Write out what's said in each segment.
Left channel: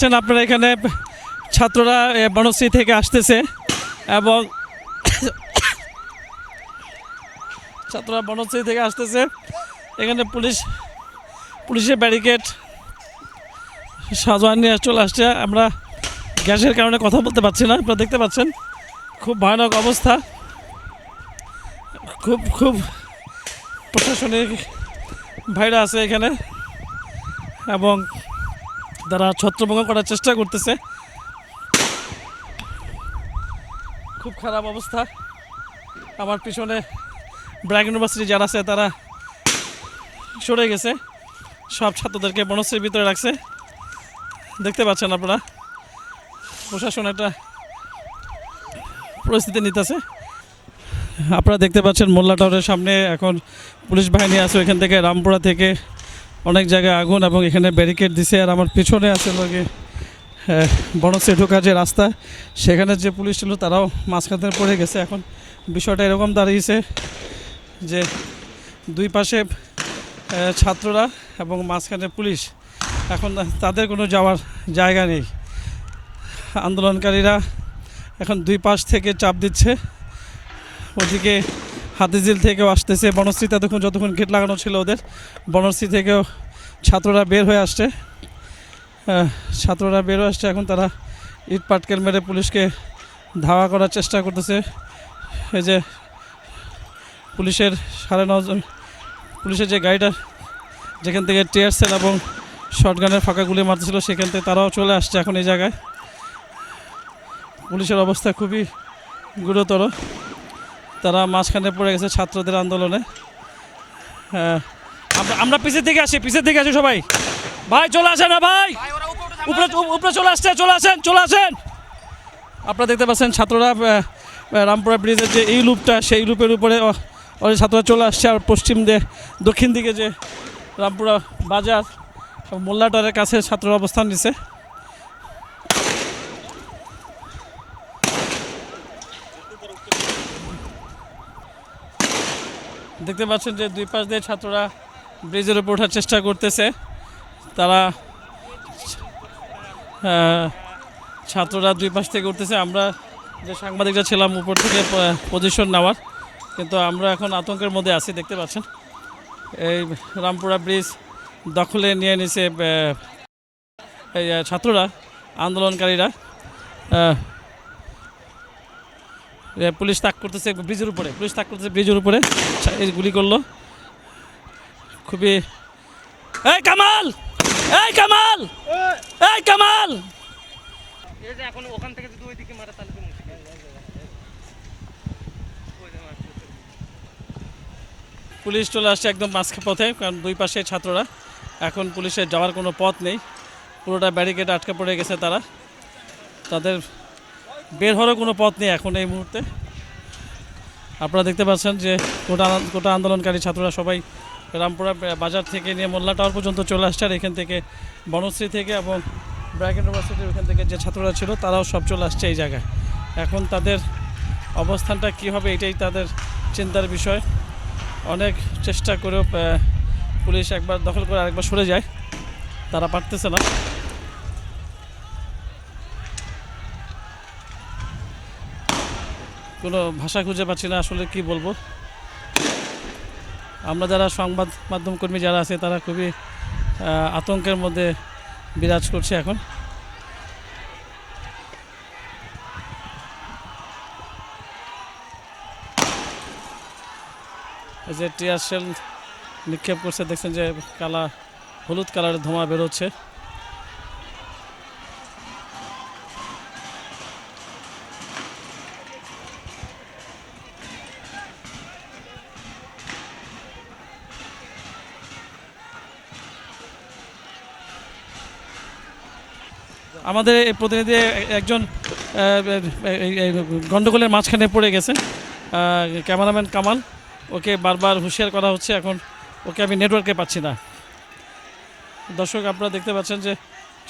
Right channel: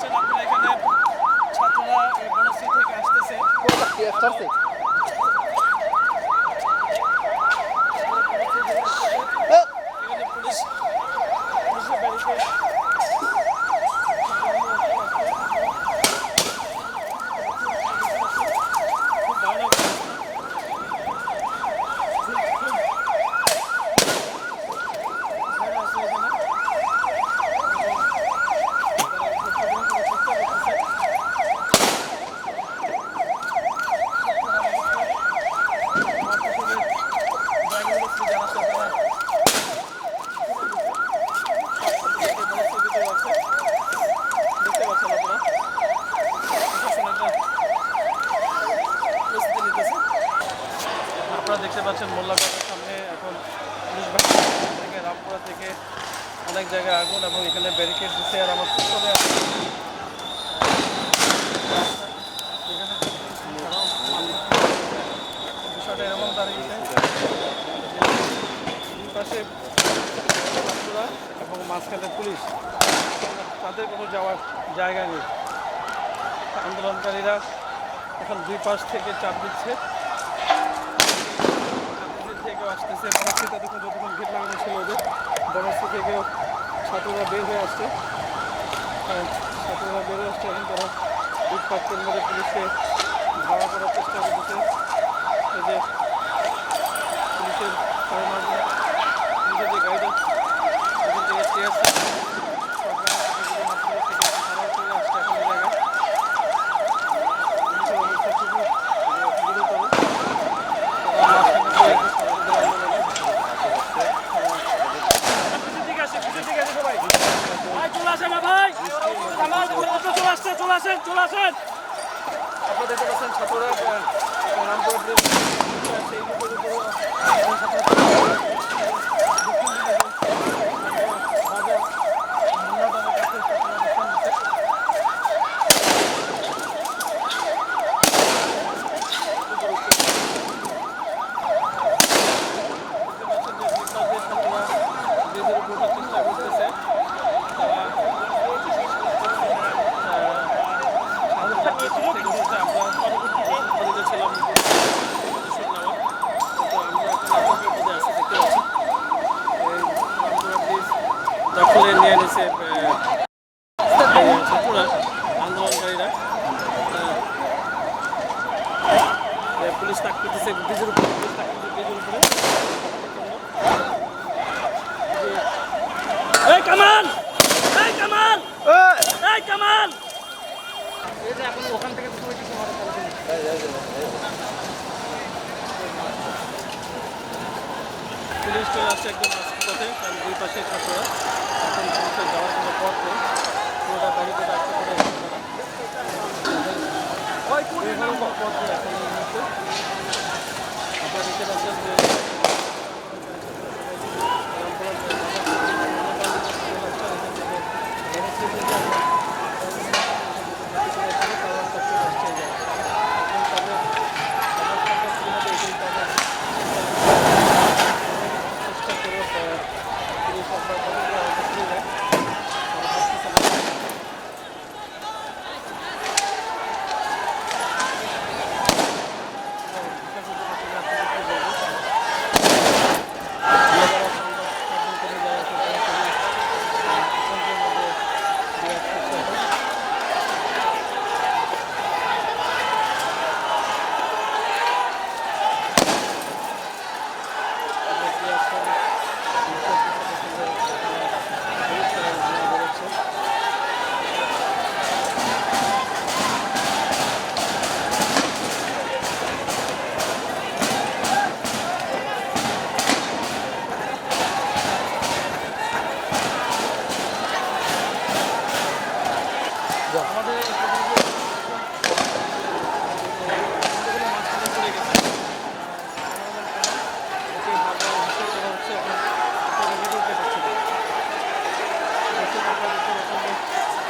আপনারা এখানে ছাত্ররা বনশ্রী থেকে আসতেছে এবং ছাত্ররা বনশ্রী থেকে আসতেছে। এখানে পুলিশ, পুলিশের ব্যারিকেড সাজোয়ান নিয়ে চলে আসছে। আমরা গ্যাসের কারণে কথা বলতে পারছি না, আপনারা দেখতে পাচ্ছেন। খুব ভয়ানক অবস্থা। খুব খুব প্রশাসনিক ভাইরা আছে এখানে এবং তারা ছত্রভঙ্গ করার চেষ্টা করতেছে। খুব খারাপ অবস্থা। আমার পিছনে ব্র্যাক ইউনিভার্সিটি যারা আছে, তারা সরে গেছে। সব ছাত্রদেরকে বনশ্রীর ভিতরে রাখছে। দেখতে পাচ্ছেন আপনারা, প্রশাসন এটা পরিস্থিতি নিতেছে। আপনারা দেখতে পাচ্ছেন মোল্লা সামনে এখন পুলিশ বাহিনী আছে এখান থেকে রামপুরা থেকে অনেক জায়গায় আগুন এবং এখানে ব্যারিকেড দিছে আর আমার পিছনে আছে বনশ্রী ঢোকার যে রাস্তা, সেখানে যে পুলিশ ছিল তারাও মাঝখানে পড়ে গেছে। এখন বিষয়টা এরকম দাঁড়িয়েছে যে দুই পাশে ছাত্ররা এবং মাঝখানে পুলিশ। এখন তাদের কোনো যাওয়ার জায়গা নেই। আন্দোলনকারীরা এখন দুই পাশ থেকে চাপ দিচ্ছে। ওদিকে হাতিঝিল থেকেও আসতেছে। বনশ্রীতে এতক্ষণ যতক্ষণ গেট লাগানো ছিল ওদের। বনশ্রী থেকেও ছাত্ররা বের হয়ে আসছে। ছাত্ররা বের হয়ে আসছে, এখন তারা ইট পাটকেল মেরে পুলিশকে ধাওয়া করার চেষ্টা করতেছে। এই যে পুলিশের সাড়ে ন পুলিশের যে গাড়িটা, যেখান থেকে টিয়ার সেল এবং শর্টগানের ফাঁকা গুলি মারতেছিল, সেখান থেকে তারাও চলে আসছে এখন এই জায়গায়। পুলিশের অবস্থা খুবই গুরুতর। তারা মাঝখানে পড়ে গেছে ছাত্রদের আন্দোলনে। হ্যাঁ আমরা- পিছের দিকে আসি, পিছের দিকে আসি সবাই। ভাই, চলে আসেন না ভাই। উপরে চলে আসছে, চলে আসেন চলে আসেন। আপনারা দেখতে পাচ্ছেন ছাত্ররা রামপুরা ব্রিজের যে এই লুপটা সেই লুপের উপরে ছাত্ররা চলে আসছে। আর পশ্চিম যে দক্ষিণ দিকে যে রামপুরা বাজার মোল্লাটারের কাছে ছাত্ররা অবস্থান নিছে। দেখতে পাচ্ছেন যে দুই পাশ দিয়ে ছাত্ররা ব্রিজের উপর ওঠার চেষ্টা করতেছে। তারা ছাত্ররা দুই পাশ থেকে উঠতেছে। আমরা সাংবাদিকরা ছিলাম উপর থেকে পজিশন নেওয়ার। কিন্তু আমরা এখন আতঙ্কের মধ্যে আছি দেখতে পাচ্ছি এই রামপুরা ব্রিজ দখলে নিয়ে আহ, ছাত্ররা আন্দোলনকারীরা। পুলিশ তাক করতেছে ব্রিজের উপরে পুলিশ তাক করতেছে ব্রিজের উপরে। গুলি করল। খুবই এই কামাল! এই কামাল! এই কামাল! পুলিশ চলে আসছে একদম মাঝখান পথে, কারণ দুই পাশে ছাত্ররা। এখন পুলিশের যাওয়ার কোনো পথ নেই। পুরোটা ব্যারিকেড আটকে পড়ে গেছে তারা। তাদের বের হওয়ার কোনো পথ নেই এখন এই মুহূর্তে। আপনারা দেখতে পাচ্ছেন যে গোটা গোটা আন্দোলনকারী ছাত্ররা সবাই রামপুরা বাজার থেকে নিয়ে মোল্লা টাওয়ার পর্যন্ত চলে আসছে আর এখান থেকে বনশ্রী থেকে এবং ইউনিভার্সিটি এখান থেকে যে ছাত্ররা ছিল, তারাও সব চলে আসছে এই জায়গায়। এখন তাদের অবস্থানটা কী হবে এটাই তাদের চিন্তার বিষয়। অনেক চেষ্টা করেও পুলিশ একবার দখল করে আরেকবার সরে যায়। তারা পারতেছে না। কোনো ভাষা খুঁজে পাচ্ছি না আসলে কি বলব। আমরা যারা সংবাদ মাধ্যম কর্মী যারা আছে, তারা খুবই আতঙ্কের মধ্যে বিরাজ করছে এখন। টিয়ার নিক্ষেপ করছে দেখছেন যে কালা, হলুদ কালারের ধোঁয়া বেরোচ্ছে। আমাদের প্রতিনিধি একজন গন্ডগোলের মাঝখানে পড়ে গেছে। ক্যামেরাম্যান কামাল, ওকে বারবার হুঁশিয়ার করা হচ্ছে, এখন ওকে আমি নেটওয়ার্কে পাচ্ছি না। দর্শক, আপনারা দেখতে পাচ্ছেন যে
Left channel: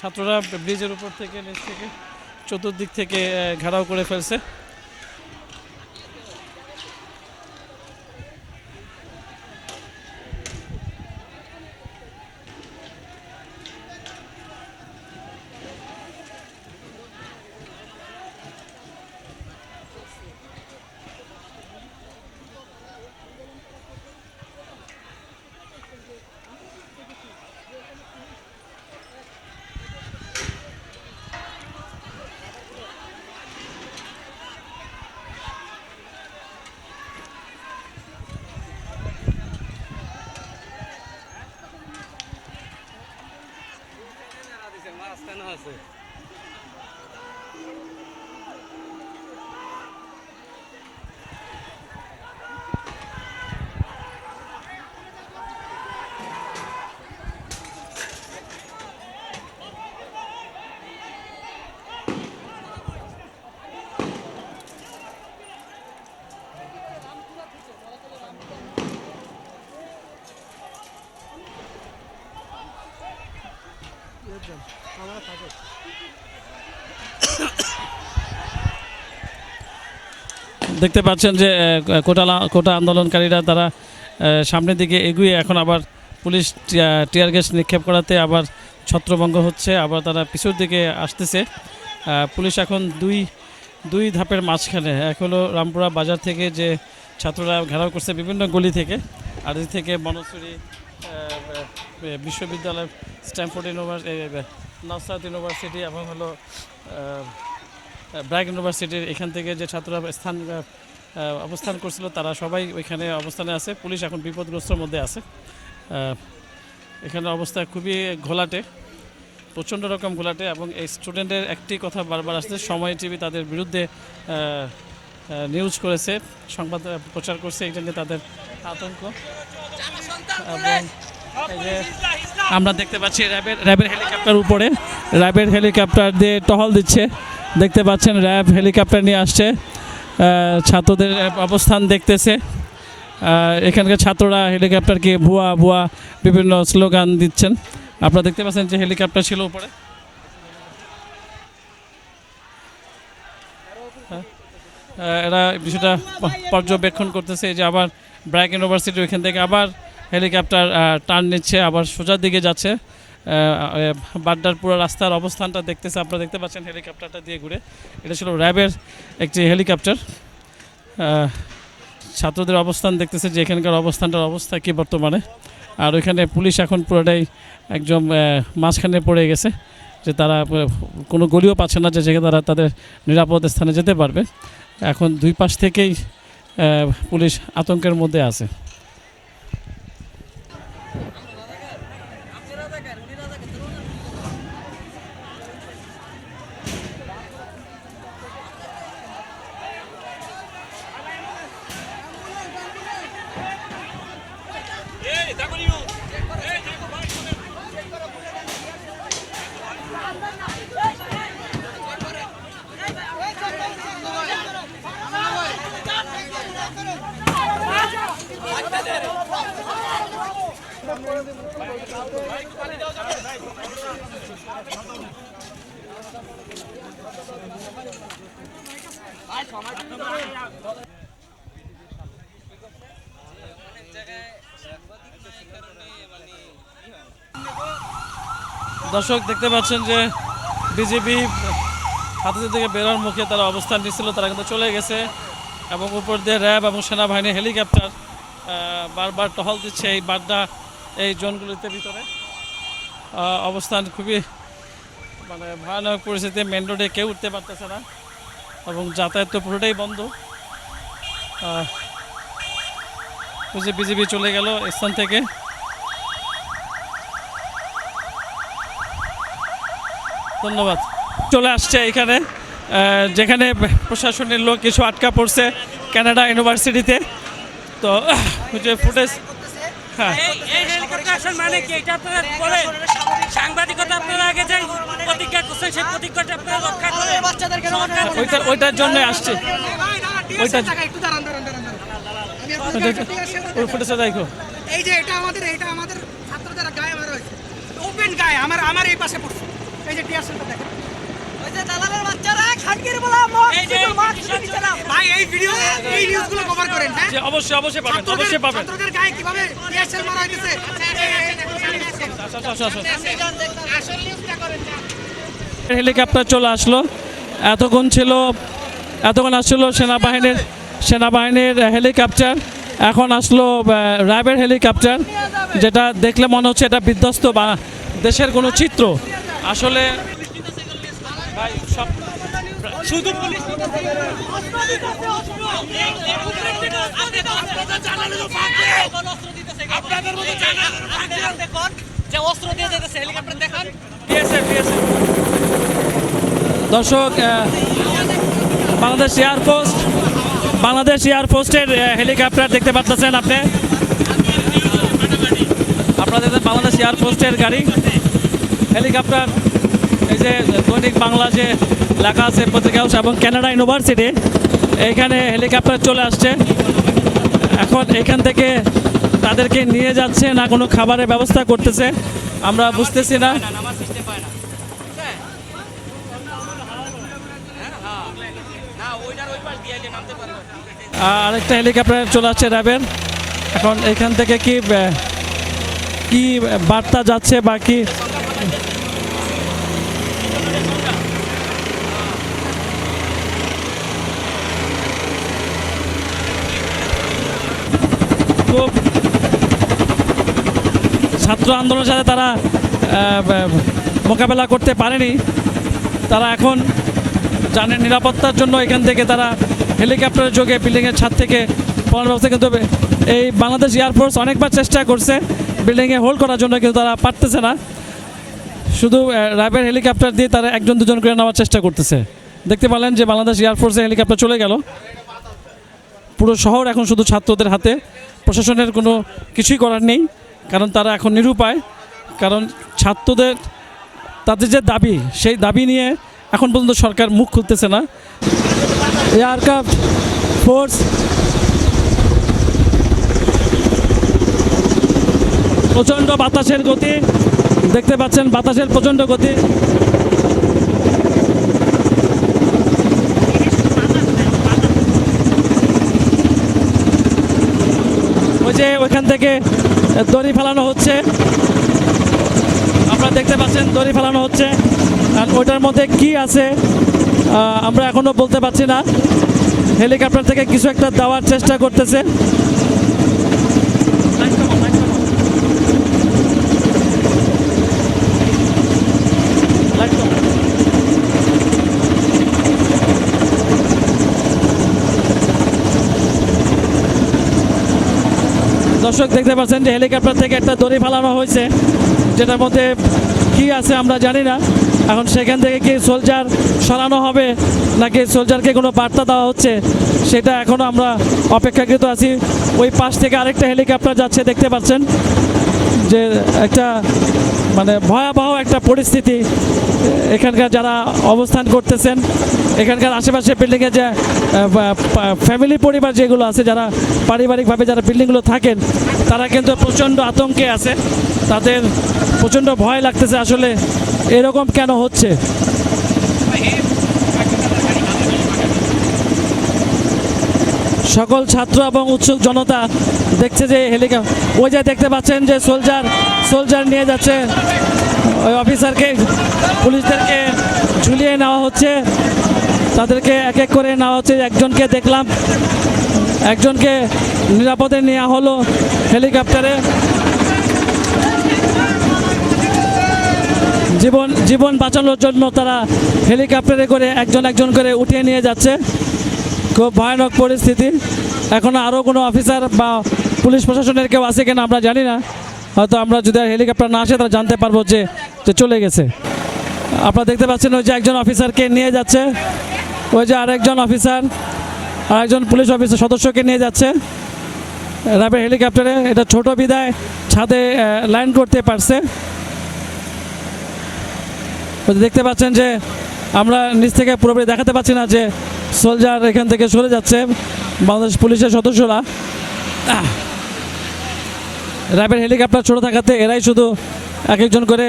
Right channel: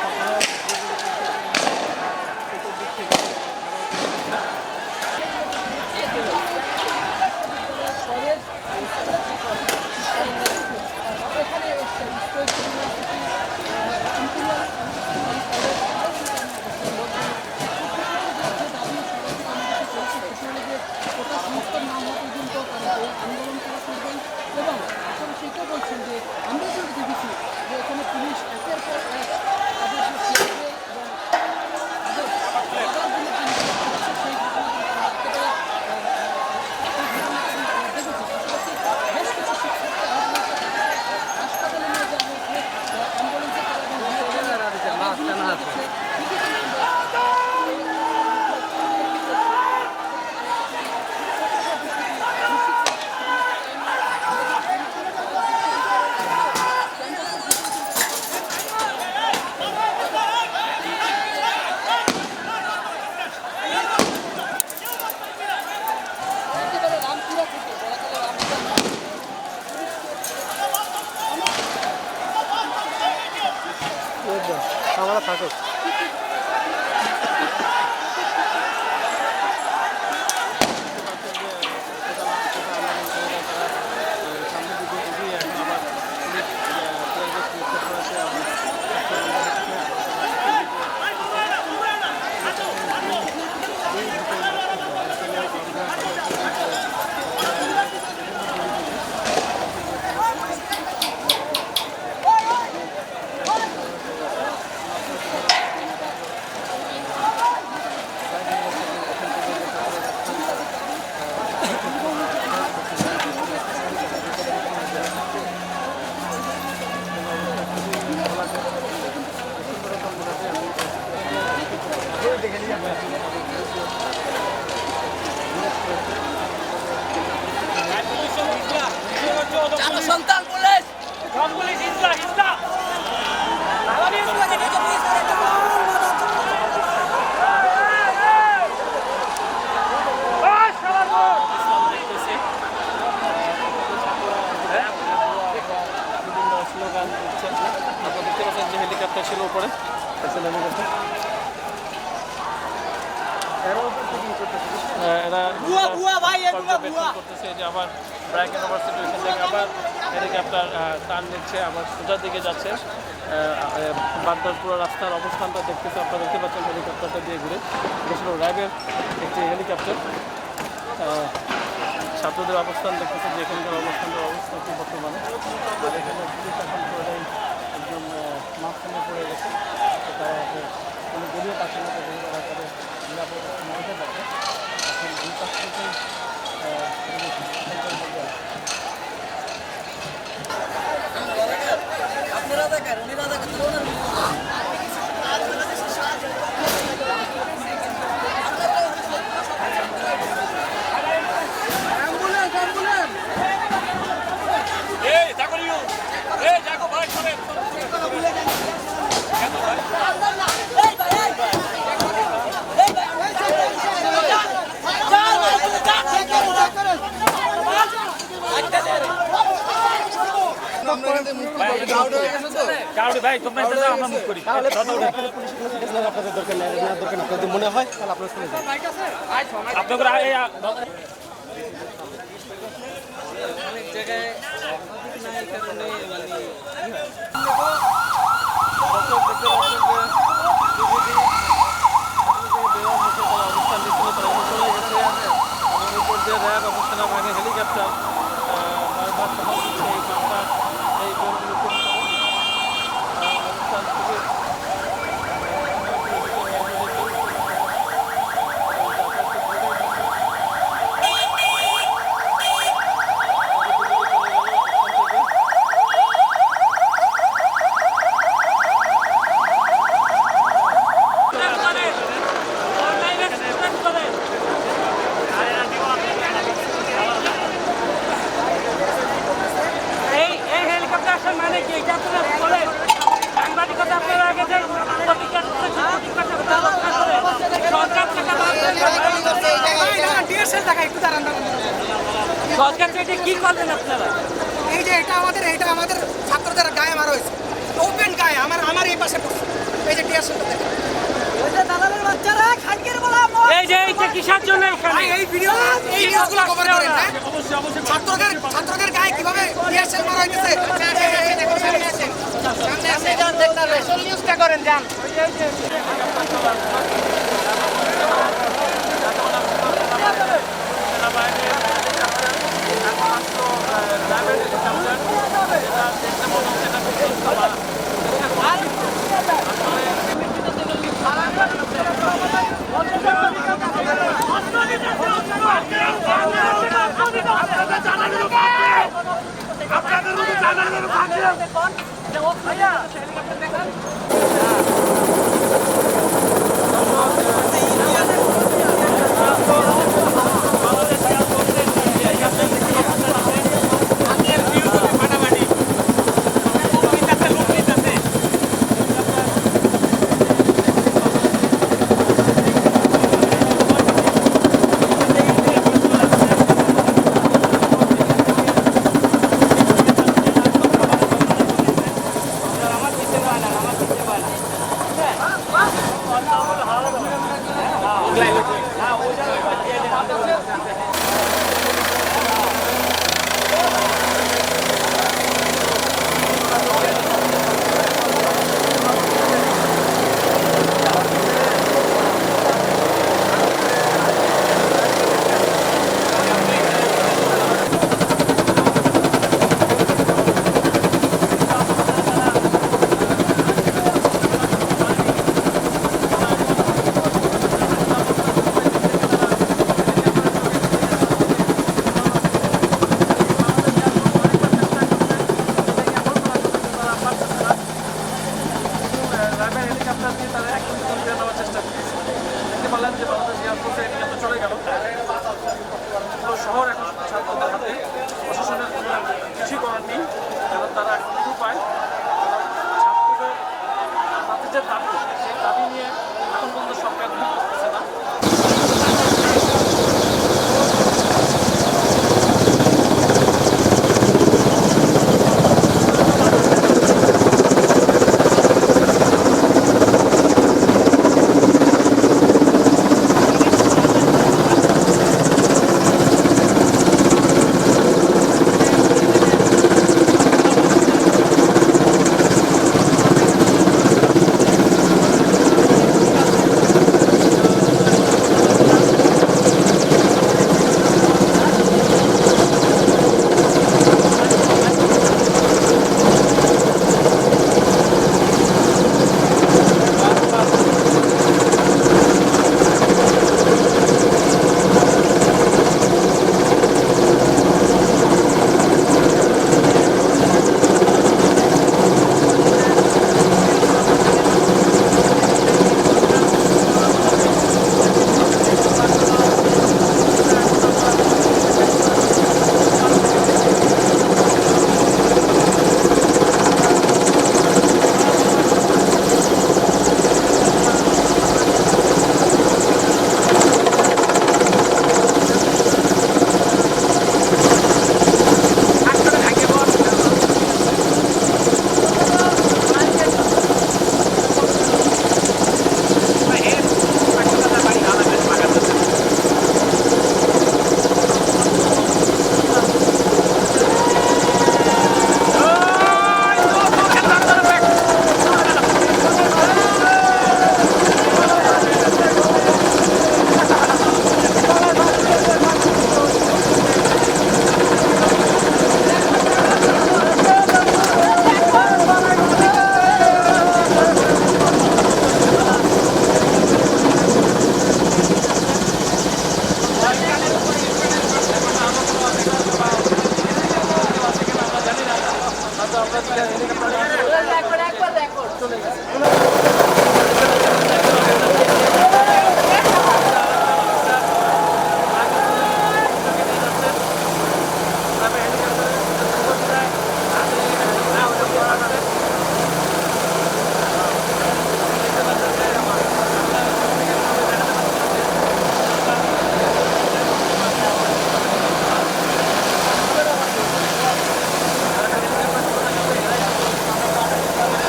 ছাত্ররা ব্রিজের উপর থেকে চতুর্দিক থেকে ঘেরাও করে ফেলছে আছে আমরা থাকুক দেখতে পাচ্ছেন যে কোটা কোটা আন্দোলনকারীরা তারা সামনের দিকে এগিয়ে এখন আবার পুলিশ টিয়ার গ্যাস নিক্ষেপ করাতে আবার ছত্রভঙ্গ হচ্ছে, আবার তারা পিছুর দিকে আসতেছে। পুলিশ এখন দুই দুই ধাপের মাঝখানে, এক রামপুরা বাজার থেকে যে ছাত্ররা ঘেরাও করছে বিভিন্ন গলি থেকে, আর ওই থেকে মনস্বিনী বিশ্ববিদ্যালয় স্ট্যানফোর্ড ইউনিভার্সিটি এবং ব্র্যাক ইউনিভার্সিটির এখান থেকে যে ছাত্ররা স্থান অবস্থান করছিল তারা সবাই এখানে অবস্থানে আছে। পুলিশ এখন বিপদগ্রস্তের মধ্যে আছে। এখানে অবস্থা খুবই ঘোলাটে প্রচণ্ড রকম ঘোলাটে এবং স্টুডেন্টদের একটি কথা বারবার আসছে সময় টিভি তাদের বিরুদ্ধে নিউজ করেছে সংবাদ প্রচার করছে এখানে তাদের আমরা দেখতে পাচ্ছি র্যাবের র্যাবের হেলিকপ্টার উপরে। র্যাবের হেলিকপ্টার দিয়ে টহল দিচ্ছে। দেখতে পাচ্ছেন, র্যাব হেলিকপ্টার নিয়ে আসছে। ছাত্রদের অবস্থান দেখতেছে। এখানকার ছাত্ররা হেলিকপ্টারকে ভুয়া ভুয়া বিভিন্ন স্লোগান দিচ্ছেন। আপনারা দেখতে পাচ্ছেন যে হেলিকপ্টার ছিল উপরে। এরা কিছুটা পর্যবেক্ষণ করতেছে যে আবার ব্র্যাক ইউনিভার্সিটি ওইখান থেকে আবার হেলিকপ্টার টার্ন নিচ্ছে, আবার সোজার দিকে যাচ্ছে। আহ, আহ, পুরো রাস্তার অবস্থানটা দেখতেছে। আপনারা দেখতে পাচ্ছেন হেলিকপ্টারটা দিয়ে ঘুরে। এটা ছিল র্যাবের একটি হেলিকপ্টার। ছাত্রদের অবস্থান দেখতেছে যে এখানকার অবস্থানটার অবস্থা কি বর্তমানে। আর ওইখানে পুলিশ এখন পুরোটাই একদম মাঝখানে পড়ে গেছে যে তারা কোনো গলিও পাচ্ছে না যে যেখানে তারা তাদের নিরাপদ স্থানে যেতে পারবে। এখন দুই পাশ থেকেই পুলিশ আতঙ্কের মধ্যে আছে আপনাদের দরকার নেই নেওয়ার দরকার নেই যদি মনে হয় তাহলে আপনারা শুনে দর্শক দেখতে পাচ্ছেন যে বিজেপি হাতিদের থেকে বেরোর মুখে তারা অবস্থান নিচ্ছিল তারা কিন্তু চলে গেছে এবং উপর দিয়ে র্যাব এবং সেনাবাহিনীর হেলিকপ্টার বারবার টহল দিচ্ছে এই বাড্ডা এই। আহ, অবস্থান খুবই ভয়ানক পরিস্থিতি মেন রোডে কেউ উঠতে পারতেছে না। এবং যাতায়াত তো পুরোটাই বন্ধ। বিজেপি চলে গেল স্থান থেকে। ধন্যবাদ। চলে আসছে এখানে। যেখানে প্রশাসনের লোক কিছু আটকা পড়ছে কানাডা ইউনিভার্সিটিতে। তো ফুটেজ হ্যাঁ। এই মানে কি? সাংবাদিকতা আপনারা আগে যে ওইটার জন্য আসছে এই যে এটা আমাদের এটা আমাদের ছাত্রদের গায়ে মারা হয়েছে ওপেন গায়ে আমার আমার এই পাশে পড়ছে এই যে টিয়ার সেন্টার দেখে এই যে এই যে কিসের জন্য ভাই এই ভিডিও এই নিউজগুলো কভার করেন হ্যাঁ যে অবশ্যই অবশ্যই ছাত্রদের গায়ে কীভাবে হেলিকপ্টার চলে আসলো। এতক্ষণ ছিল, এতক্ষণ আসছিল সেনাবাহিনীর সেনাবাহিনীর হেলিকপ্টার। এখন আসলো র্যাবের হেলিকপ্টার, যেটা দেখলে মনে হচ্ছে এটা বিধ্বস্ত বা দেশের কোনো চিত্র। আসলে আপনাদের দর্শক বাংলাদেশ এয়ারফোর্স বাংলাদেশ এয়ারফোর্সের হেলিকপ্টার দেখতে পাচ্ছেন আপনি। আপনারা দেখছেন বাংলাদেশ এয়ারফোর্সের গাড়ি হেলিকপ্টার এই যে দৈনিক বাংলা যে লেখা আছে পত্রিকা হাউস এবং কানাডা ইউনিভার্সিটি এইখানে হেলিকপ্টার চলে আসছে এখন এখান থেকে তাদেরকে নিয়ে যাচ্ছে না কোনো খাবারের ব্যবস্থা করতেছে আমরা বুঝতেছি না। আর আরেকটা হেলিকপ্টার চলে আসছে র্যাবের এখন এখান থেকে কি কি বার্তা যাচ্ছে বা কি? ছাত্র আন্দোলনের সাথে মোকাবেলা করতে পারেনি। তারা এখন জানের নিরাপত্তার জন্য এখান থেকে তারা হেলিকপ্টারের যোগে বিল্ডিংয়ের ছাদ থেকে পনেরো থেকে দেবে এই বাংলাদেশ এয়ারফোর্স অনেকবার চেষ্টা করছে বিল্ডিংয়ে হোল্ড করার জন্য, কিন্তু তারা পারতেছে না। শুধু রাইবের হেলিকপ্টার দিয়ে তারা একজন, দুজন করে নেওয়ার চেষ্টা করতেছে। দেখতে পেলেন যে বাংলাদেশ এয়ারফোর্সের হেলিকপ্টার চলে গেল। পুরো শহর এখন শুধু ছাত্রদের হাতে। প্রশাসনের কোনো কিছুই করার নেই, কারণ তারা এখন নিরুপায়। কারণ ছাত্রদের তাদের যে দাবি, সেই দাবি নিয়ে এখন পর্যন্ত সরকার মুখ খুলতেছে না। ফোর্স প্রচণ্ড বাতাসের গতি, দেখতে পাচ্ছেন বাতাসের প্রচণ্ড গতি ওই যে ওখান থেকে দড়ি ফেলানো হচ্ছে আপনারা দেখতে পাচ্ছেন দড়ি ফেলানো হচ্ছে আর ওটার মধ্যে কি আছে আহ, আমরা এখনও বলতে পারছি না হেলিকপ্টার থেকে কিছু একটা দেওয়ার চেষ্টা করতেছে দর্শক দেখতে পাচ্ছেন যে হেলিকপ্টার থেকে একটা দড়ি ফেলানো হয়েছে যেটার মধ্যে কি আছে আমরা জানি না এখন সেখান থেকে কি সোলজার সরানো হবে নাকি সোলজারকে কোনো বার্তা দেওয়া হচ্ছে, সেটা এখন আমরা অপেক্ষাকৃত আছি। ওই পাশ থেকে আরেকটা হেলিকপ্টার যাচ্ছে, দেখতে পাচ্ছেন যে একটা মানে ভয়াবহ একটা পরিস্থিতি। এখানকার যারা অবস্থান করতেছেন, এখানকার আশেপাশে বিল্ডিংয়ে যে ফ্যামিলি পরিবার যেগুলো আছে, যারা পারিবারিকভাবে যারা বিল্ডিংগুলো থাকেন, তারা কিন্তু প্রচণ্ড আতঙ্কে আছে। তাদের প্রচণ্ড ভয় লাগতেছে আসলে এরকম কেন হচ্ছে? সকল ছাত্র এবং উৎসুক জনতা দেখছে যে হেলিকপ্টার ওই যে দেখতে পাচ্ছেন যে সোলজার সোলজার নিয়ে যাচ্ছে। অফিসারকে পুলিশদেরকে ঝুলিয়ে নেওয়া হচ্ছে। তাদেরকে এক এক করে নেওয়া হচ্ছে। একজনকে দেখলাম, একজনকে নিরাপদে নেওয়া হলো হেলিকপ্টারে। জীবন জীবন বাঁচানোর জন্য তারা হেলিকপ্টারে করে একজন একজন করে উঠিয়ে নিয়ে যাচ্ছে। খুব ভয়ানক পরিস্থিতি। এখনও আরও কোনো অফিসার বা পুলিশ প্রশাসনের কেউ আছে কিনা আমরা জানি না। হয়তো আমরা যদি হেলিকপ্টার না আসে, তাহলে জানতে পারব যে চলে গেছে। আপনারা দেখতে পাচ্ছেন ওই যে একজন অফিসারকে নিয়ে যাচ্ছে। ওই যে আরেকজন অফিসার, আরেকজন পুলিশ অফিসার সদস্যকে নিয়ে যাচ্ছেন রাবের হেলিকপ্টারে, এটা ছোট বিদায়, ছাদে ল্যান্ড করতে পারছে। তো দেখতে পাচ্ছেন যে আমরা নিচ থেকে পুরোপুরি দেখাতে পাচ্ছি না যে সোলজার এখান থেকে সরে যাচ্ছে বাংলাদেশ পুলিশের সদস্যরা। র্যাবের হেলিকপ্টার ছোট থাকাতে এরাই শুধু এক একজন করে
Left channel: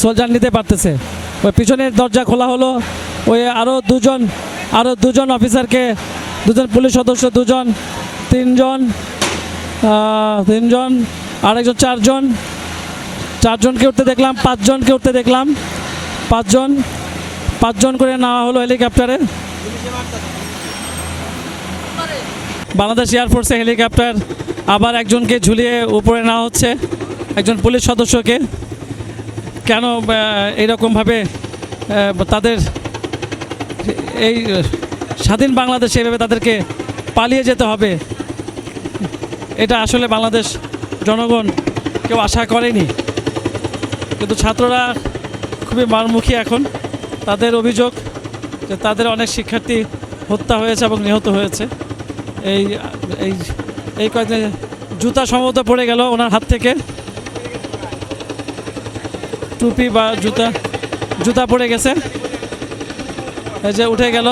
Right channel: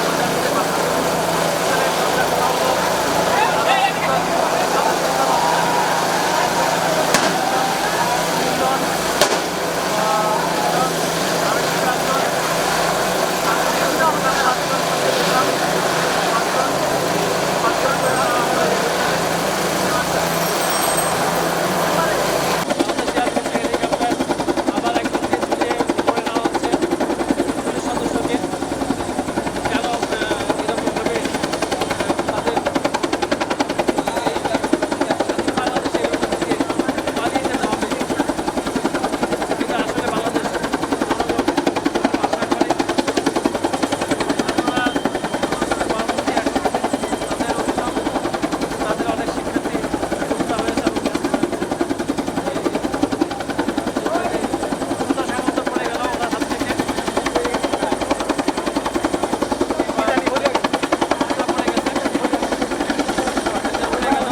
সোলজার নিতে পারতেছে। পিছনের দরজা খোলা হলো। ওই আরও দুজন আরও দুজন অফিসারকে, দুজন পুলিশ সদস্য, দুজন, তিনজন তিনজন, আরেকজন চারজন, চারজনকে উঠতে দেখলাম, পাঁচজনকে উঠতে দেখলাম, পাঁচজন পাঁচজন করে নেওয়া হলো হেলিকপ্টারে। বাংলাদেশ এয়ারফোর্সে হেলিকপ্টার। আবার একজনকে ঝুলিয়ে উপরে নেওয়া হচ্ছে, একজন পুলিশ সদস্যকে। কেন এইরকমভাবে তাদের এই স্বাধীন বাংলাদেশে এভাবে তাদেরকে পালিয়ে যেতে হবে? এটা আসলে বাংলাদেশ জনগণ কেউ আশা করেনি। কিন্তু ছাত্ররা খুবই মারমুখী এখন। তাদের অভিযোগ তাদের অনেক শিক্ষার্থী হত্যা হয়েছে এবং নিহত হয়েছে। এই এই এই কয়েকদিন জুতা সম্ভবত পড়ে গেল ওনার হাত থেকে। টুপি বা জুতা জুতা পড়ে গেছে। এই যে উঠে গেল।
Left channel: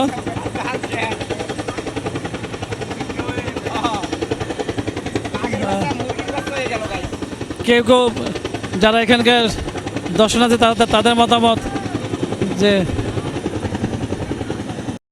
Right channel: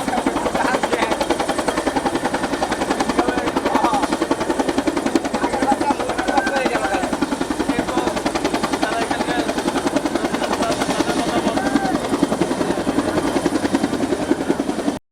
কেউ কেউ যারা এখানকার দর্শনার্থী, তাদের তাদের মতামত যে